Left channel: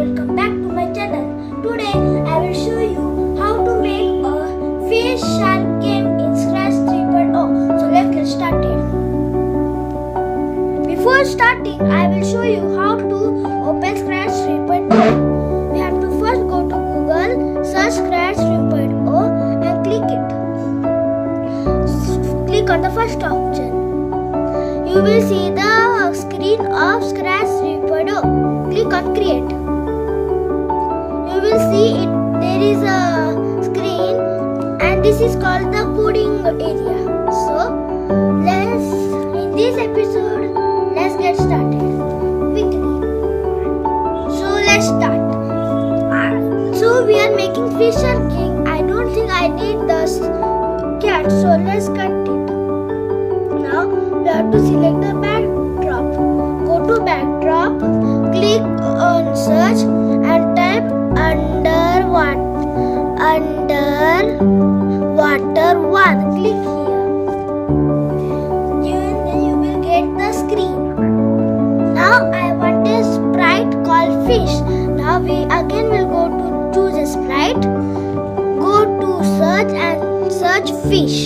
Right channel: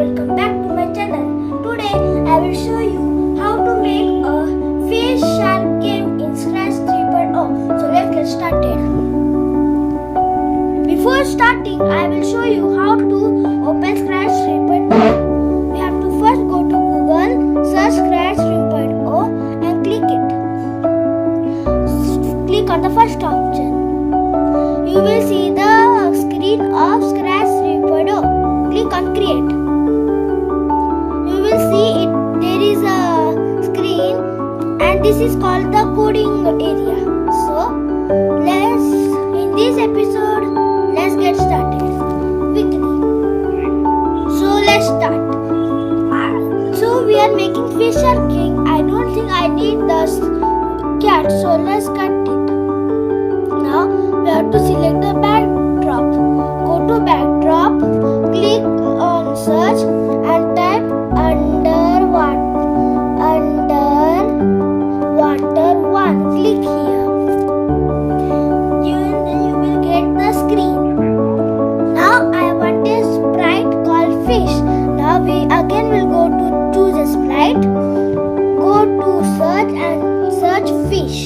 welcome back to my channel. Today I will show you how to make a fish shark game in Scratch 3.0. So let's get started. Before starting, I will show you how to open Scratch 3.0. We have to first go to Google, search Scratch 3.0 and click it. Click on the first option. You will see the screen of Scratch 3.0. Click on create. You will see there is a screen and this is called the coding area. So in this episode, let's get started quickly. So let's start. So we are making fish shark game. I don't think I need the cat, so let's cut it. Now we have to select the backdrop. Go to backdrop, click on search and type underwater 1. Click here. Then you will get the screen. Now I want a sprite called fish. Now we again will go to choose a sprite. Go to search and search fish.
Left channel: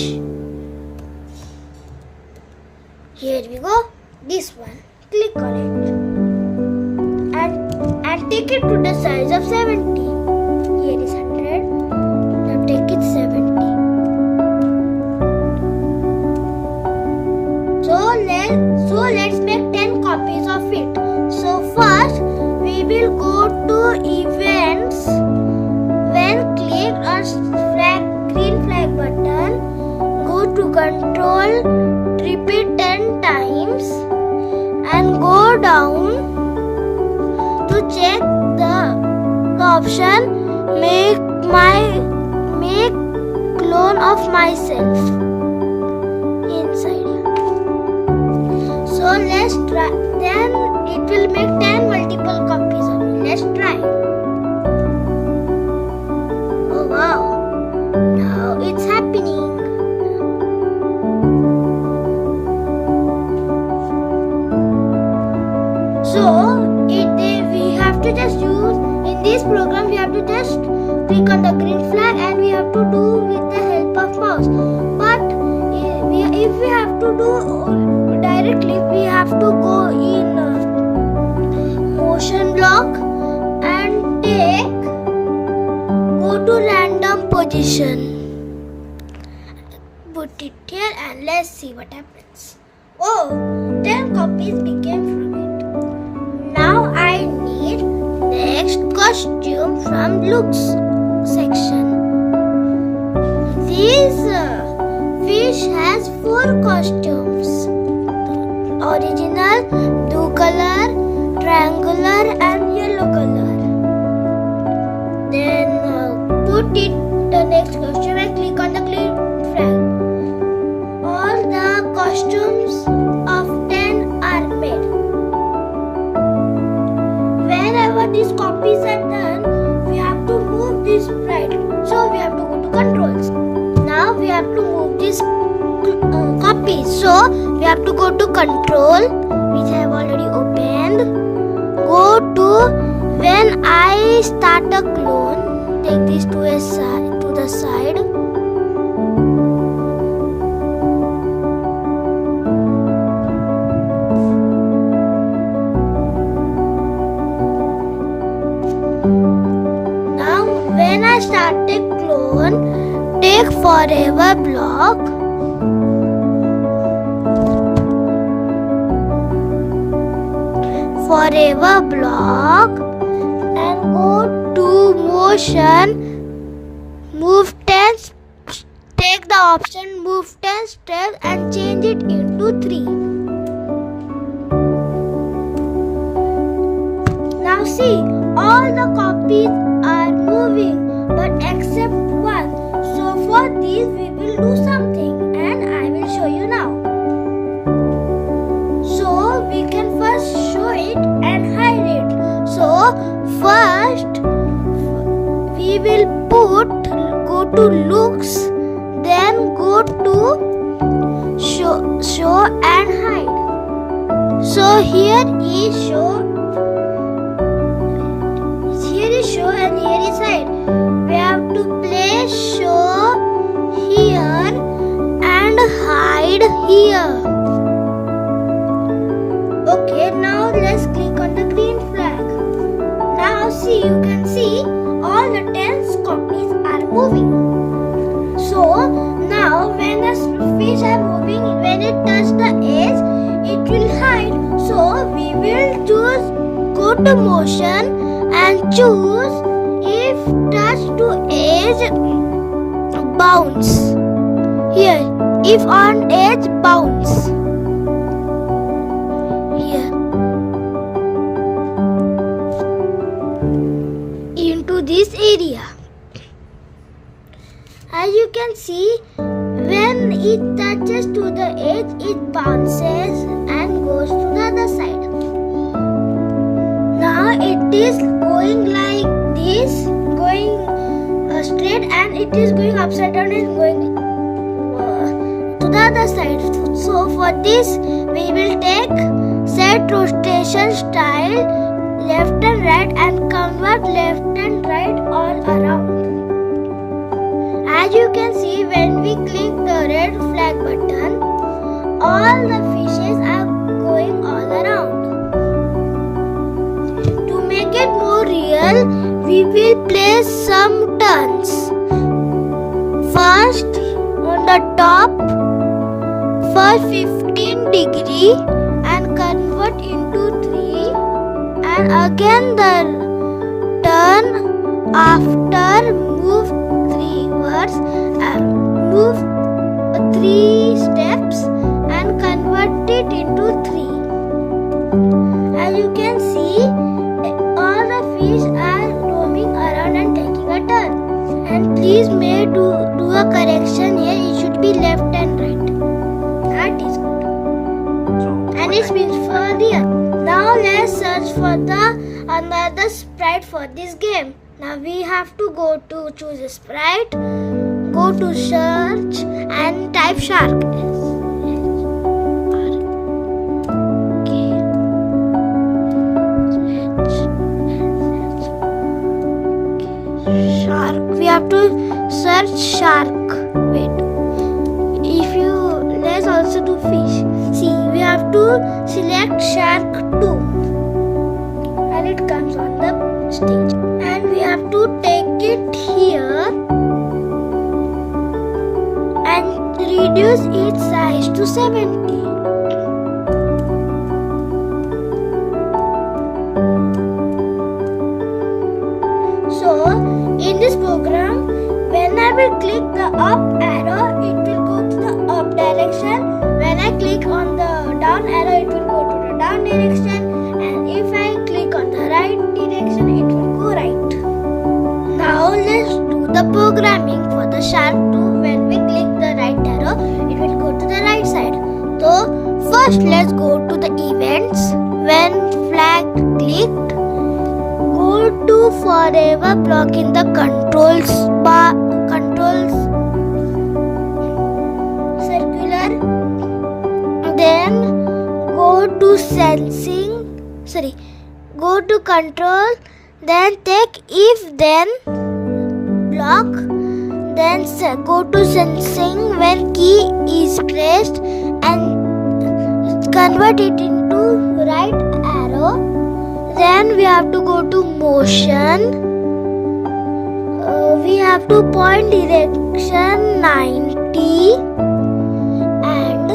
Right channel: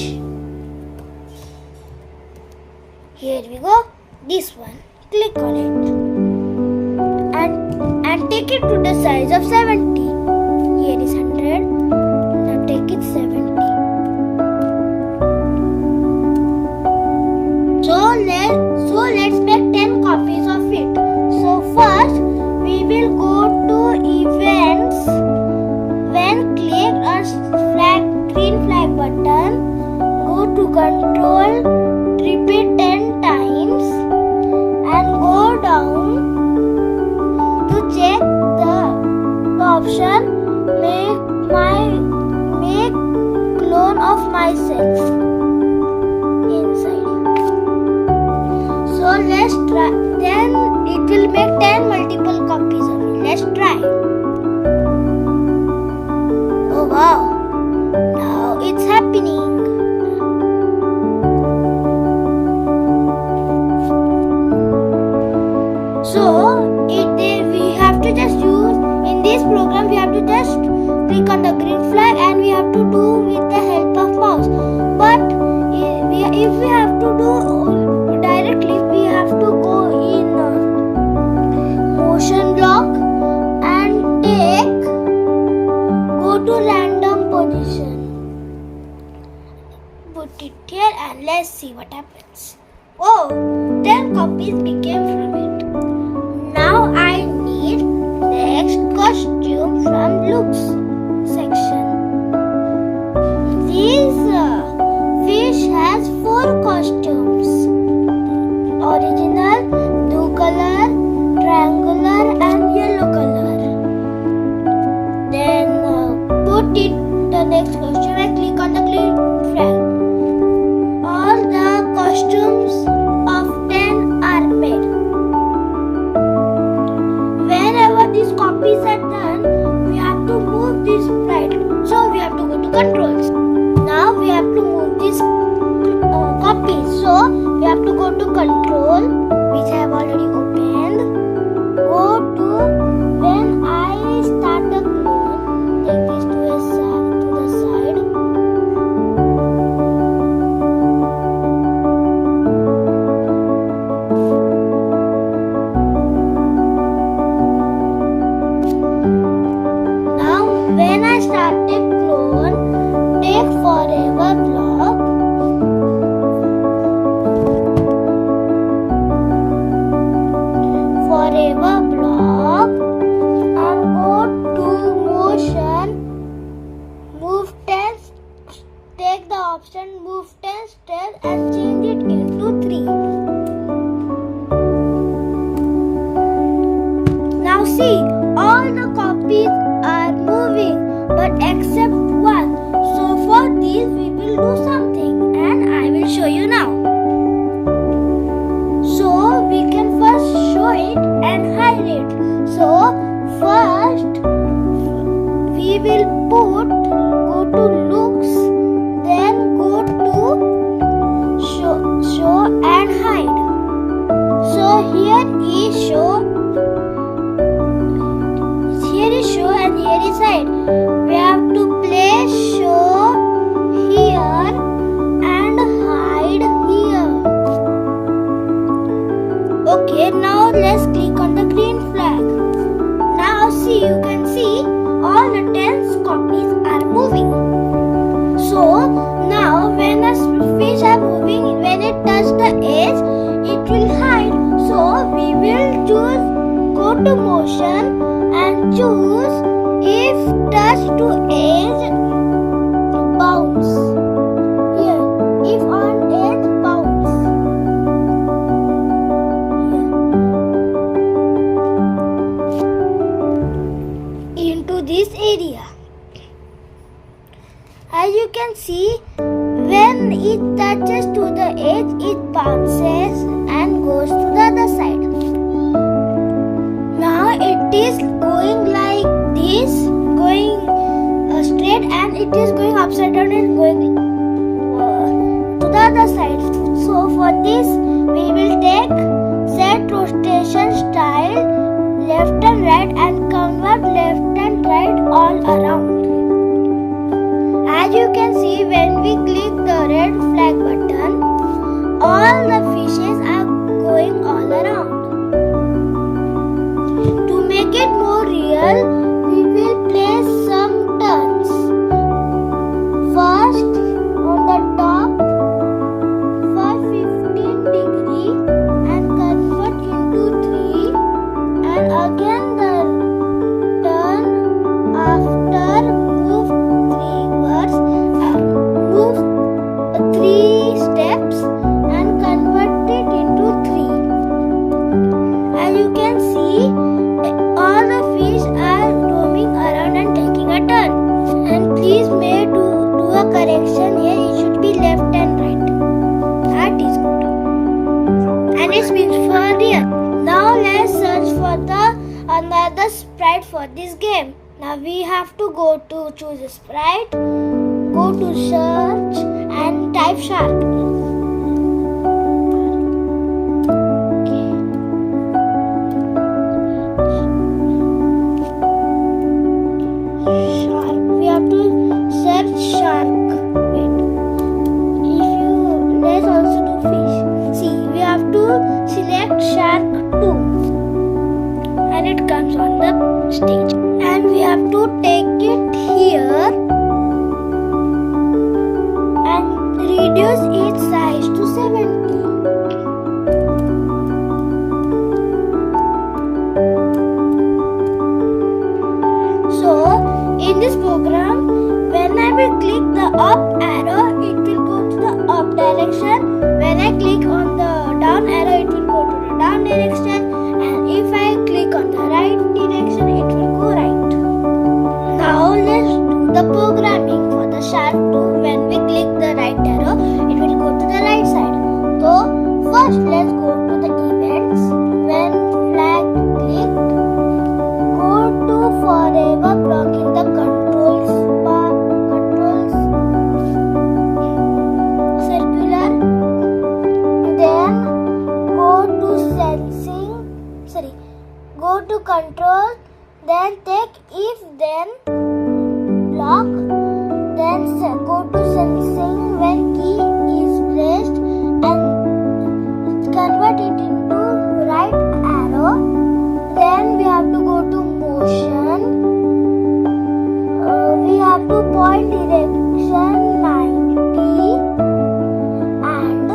Here we go. This one. Click on it and take it to the size of 70. Here is 100. Now take it 70. So let's make 10 copies of it. So first we will go to events. When click on green flag button, go to control, repeat 10 times and go down to check the option make clone of myself inside. So let's try. Then it will make 10 multiple copies of it. Let's try. Oh wow! Now it's happening. So we have to just use in this program. We have to just click on the green flag and we have to do with the help of mouse. But if we have to do directly, we have to go in motion block and go to random position. Put it here and let's see what happens. Oh, 10 copies became from it. Now I need next costume from looks section. This fish has 4 costumes: original, blue color, triangular and yellow color. Then put it the next costume and click on the green flag. All the costumes of 10 are made. Whenever these copies are done, we have to move this sprite. So we have to go to controls. Now we have to move this copy. So we have to go to control, which I have already opened. Go to when I start a clone. Take this to the side. When I start a clone, take forever block. And go to motion, move 10, take the option move 10 steps and change it into 3. Now see, all the copies are moving but except one. So for this we will do something and I will show you now. So we can first show it and hide it. So first we will go to looks, then go to show and hide. So here is show here is show and here is hide. We have to place show here and hide here. Okay, now let's click on the green flag. Now see, you can see all the 10 copies are moving. So now when the fish are moving, when it touches the edge, it will hide. So we will choose go to motion and choose if touch to edge bounce. Here, if on edge bounce. Here. Into this area. As you can see, when it touches to the edge, it bounces and goes to the other side. Now it is going like this, going straight, and it is going upside down and going to the other side. So for this, we will take set rotation style left and right and convert left and right all around. As you can see, when we click the red flag button, all the fishes are going all around. To make it more real, we will place some turns. First, on the top, for 15 degree and convert into 3, and again the turn after move 3 steps and convert it into 3. As you can see, all the fish are roaming around and taking a turn. And please do a correction here. It should be left and right. That is good. And it means for real. Now let's search for another sprite for this game. Now we have to go to choose a sprite. Go to search and type shark. Shark. We have to search shark. Wait. Let's also do fish. See, we have to select shark 2. And it comes on the stage. And we have to take it here. Reduce its size to 70. So, in this program, when I will click the up arrow, it will go to the up direction. When I click on the down arrow, it will go to the down direction. And if I click on the right direction, it will go right. Now, let's do the programming for the shark 2. When we click the right arrow, it will go to the right side. So first let's go to the events. When flag clicked, go to forever block in the controls circular. Then go to go to control. Then take if then block. Then go to sensing when key is pressed and convert it into right arrow. Then we have to go to motion. We have to point direction 90 and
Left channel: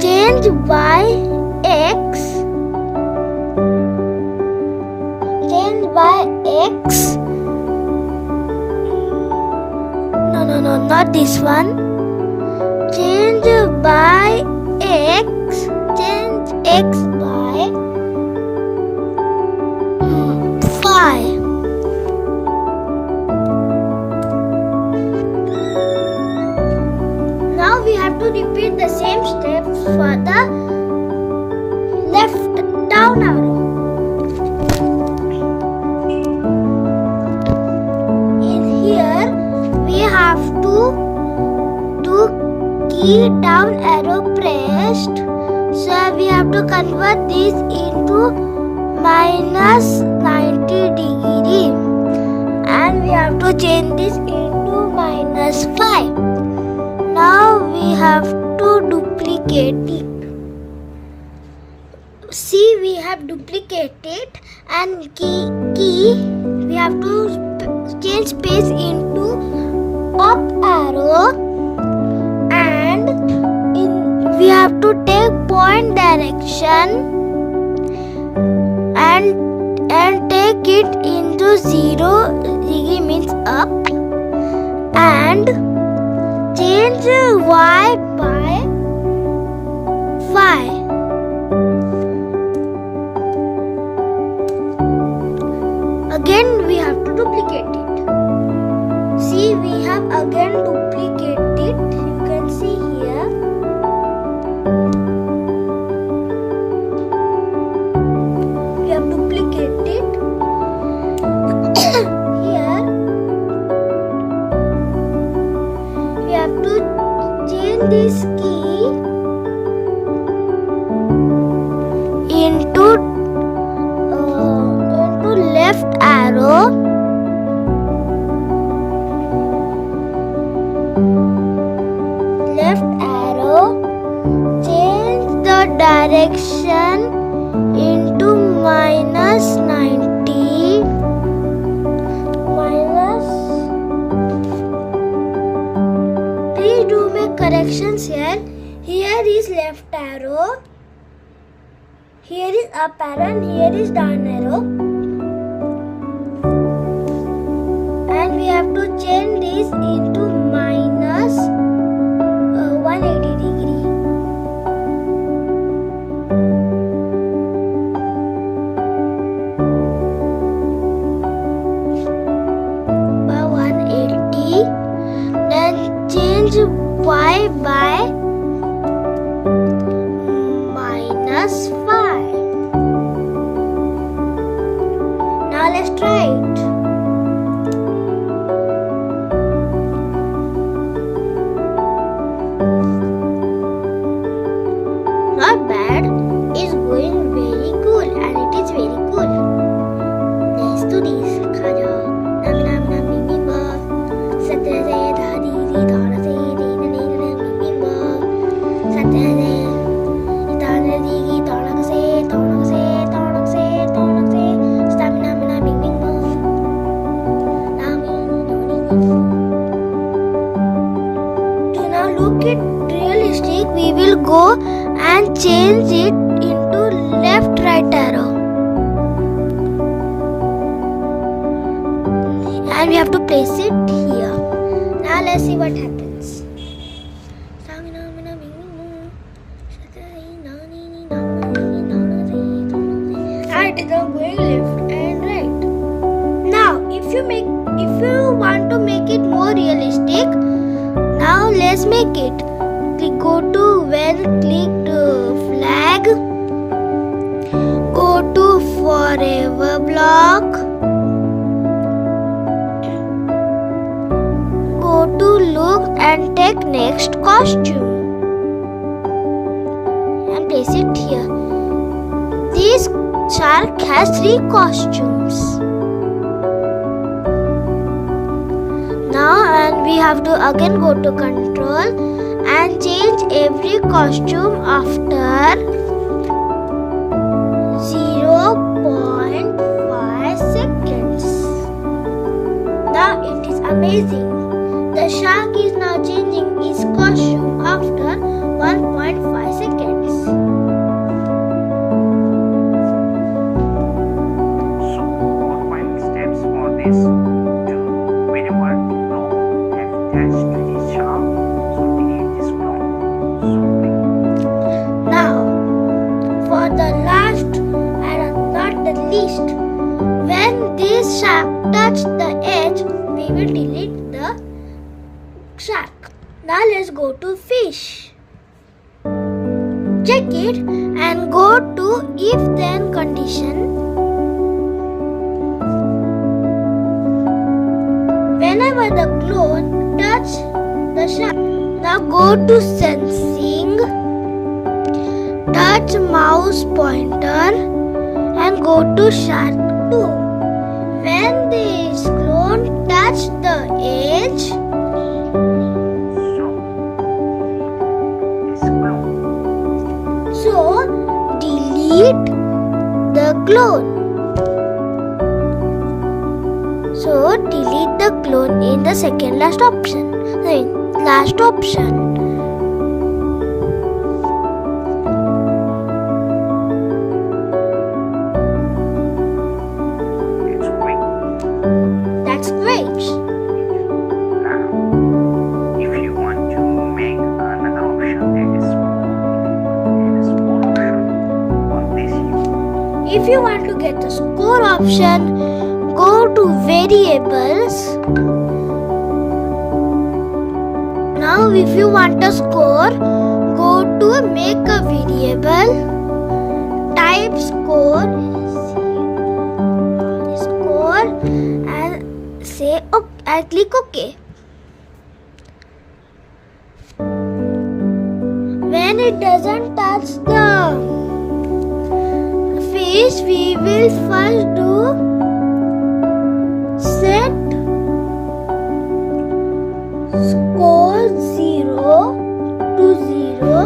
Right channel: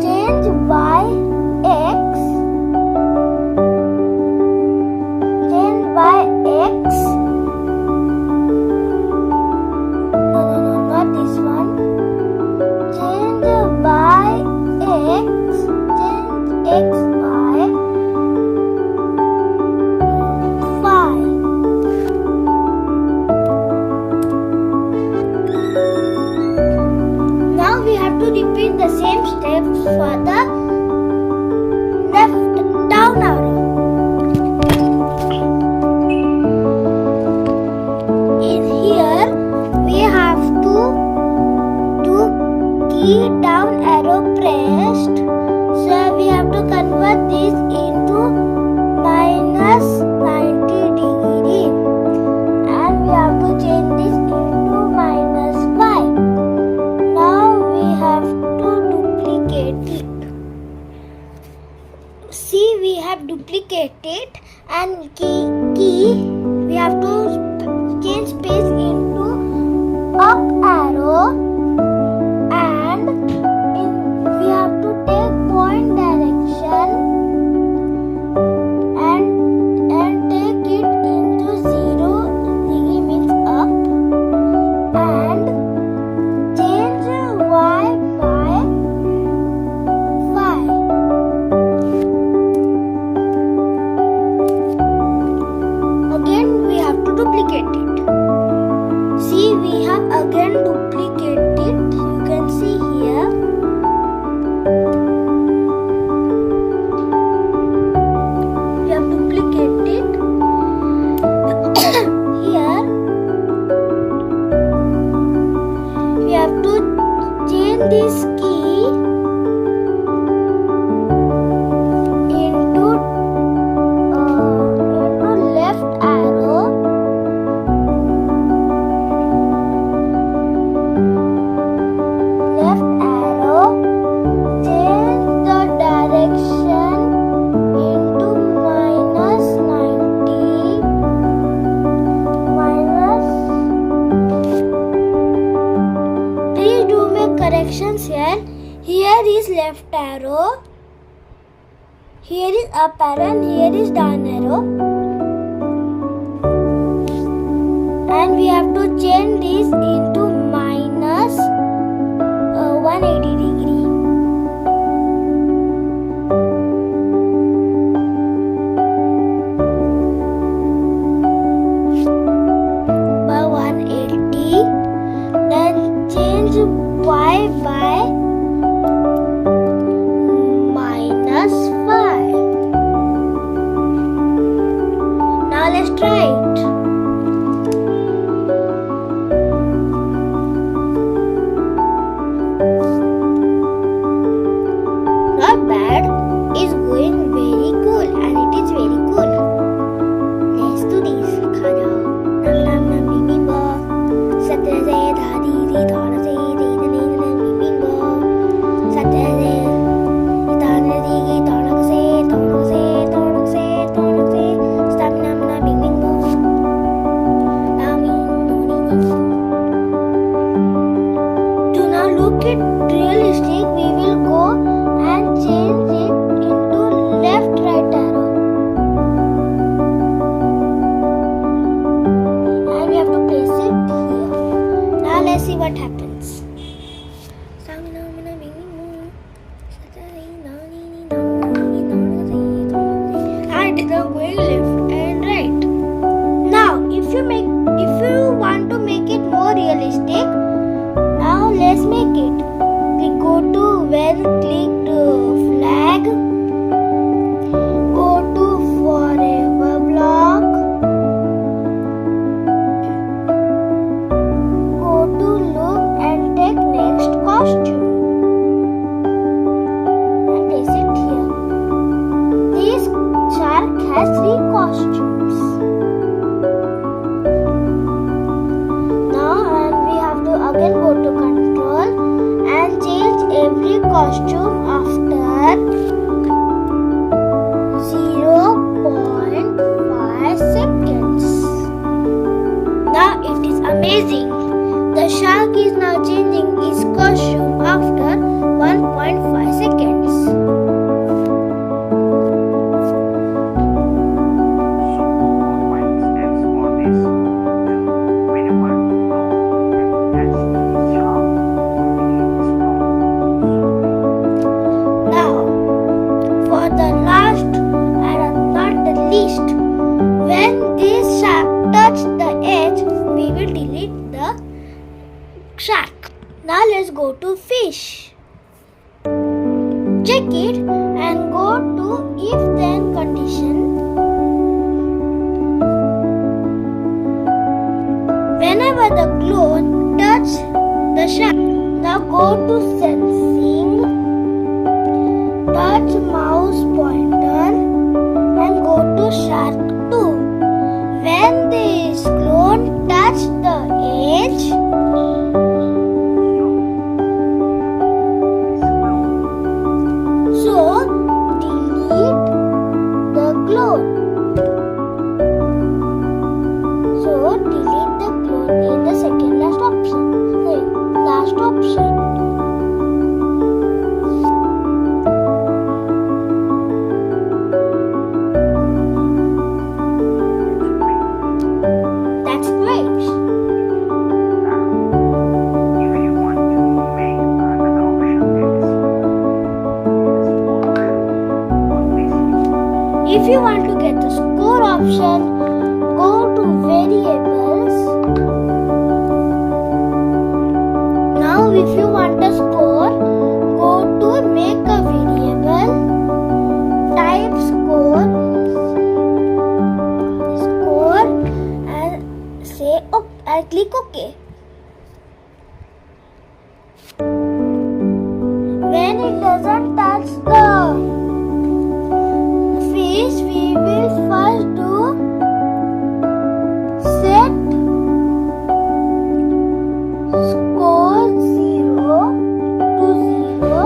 change by X. Not this one. Change by X. Change X by 5. Now we have to repeat the same steps for the left down arrow. In here we have to do key down arrow pressed. So we have to convert this into minus 90 degree. we have duplicated, and key we have to change space into up arrow, and we have to take point direction and take it into 0 degree means up, and change y by 5. Again we have to duplicate it. See, we have again duplicated it. You can see here. We have duplicated here. We have to change this key into left arrow, change the direction into -90, please do make corrections here. Here is left arrow, here is up arrow, and here is down arrow. And we have to change this into -180 degree. By 180, then change y by -5. Now let's try it. Not bad, it's going very cool, and it is very cool. Let's do this. खा जाओ. Nam nam nam bing bing bo. Satra se da di di da na se di na ni na bing bing bo. Satra se da na di di da na se da na se da na se da na se. Stamina na bing bing bo. Na mi no ni. To now look at realistic, we will go and change it into left right arrow, and we have to place it here. Now let's see what happens. And it is going left and right. Now if you want to make it more realistic, now let's make it. We go to well clicked flag, go to forever block, go to look and take next costume and place it here. This shark has 3 costumes. Now, and we have to again go to control and change every costume after 0.5 seconds. Now it is amazing. The shark is now changing its costume after 1.5 seconds. So, what steps for this? When you want to know and attach to the shark, so we need this Now, for the last and not the least, when this shark touches the edge, we will delete the shark. Now let's go to fish. Check it and go to if then condition. Whenever the cloth touches the shark, now go to sensing, touch mouse pointer and go to shark 2. When this clone touch the edge, so delete clone. So delete the clone in the second last option. Last option. It's great. That's great. If you want to make another option, that is score on this. If you want to get the score option, go to variables. Now if you want a score, go to make a variable, type score, and say okay, and click OK. When it doesn't touch the fish, we will first do set score 0 to 0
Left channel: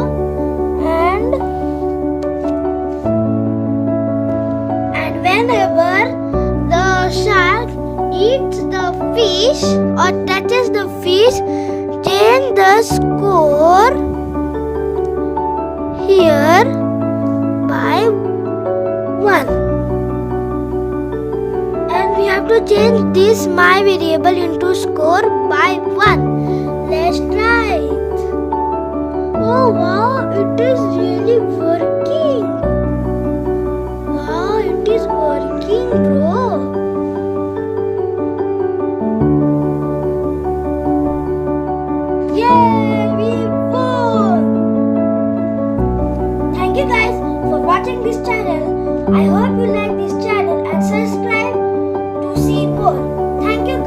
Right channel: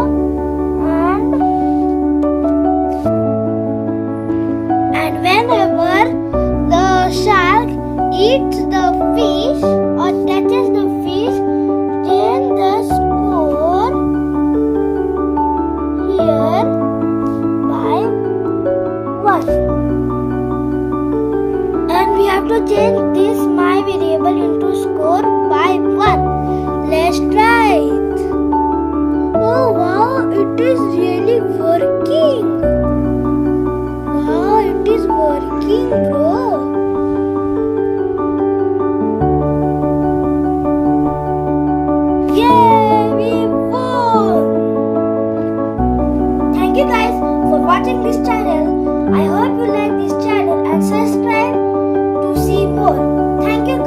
and whenever the shark eats the fish or touches the fish, change the score here by 1. And we have to change this my variable into score by 1. Let's try it. Oh wow, it is really working. Wow, it is working, bro. Yay, we won. Thank you guys for watching this channel. I hope you like this channel and subscribe to see more. Thank you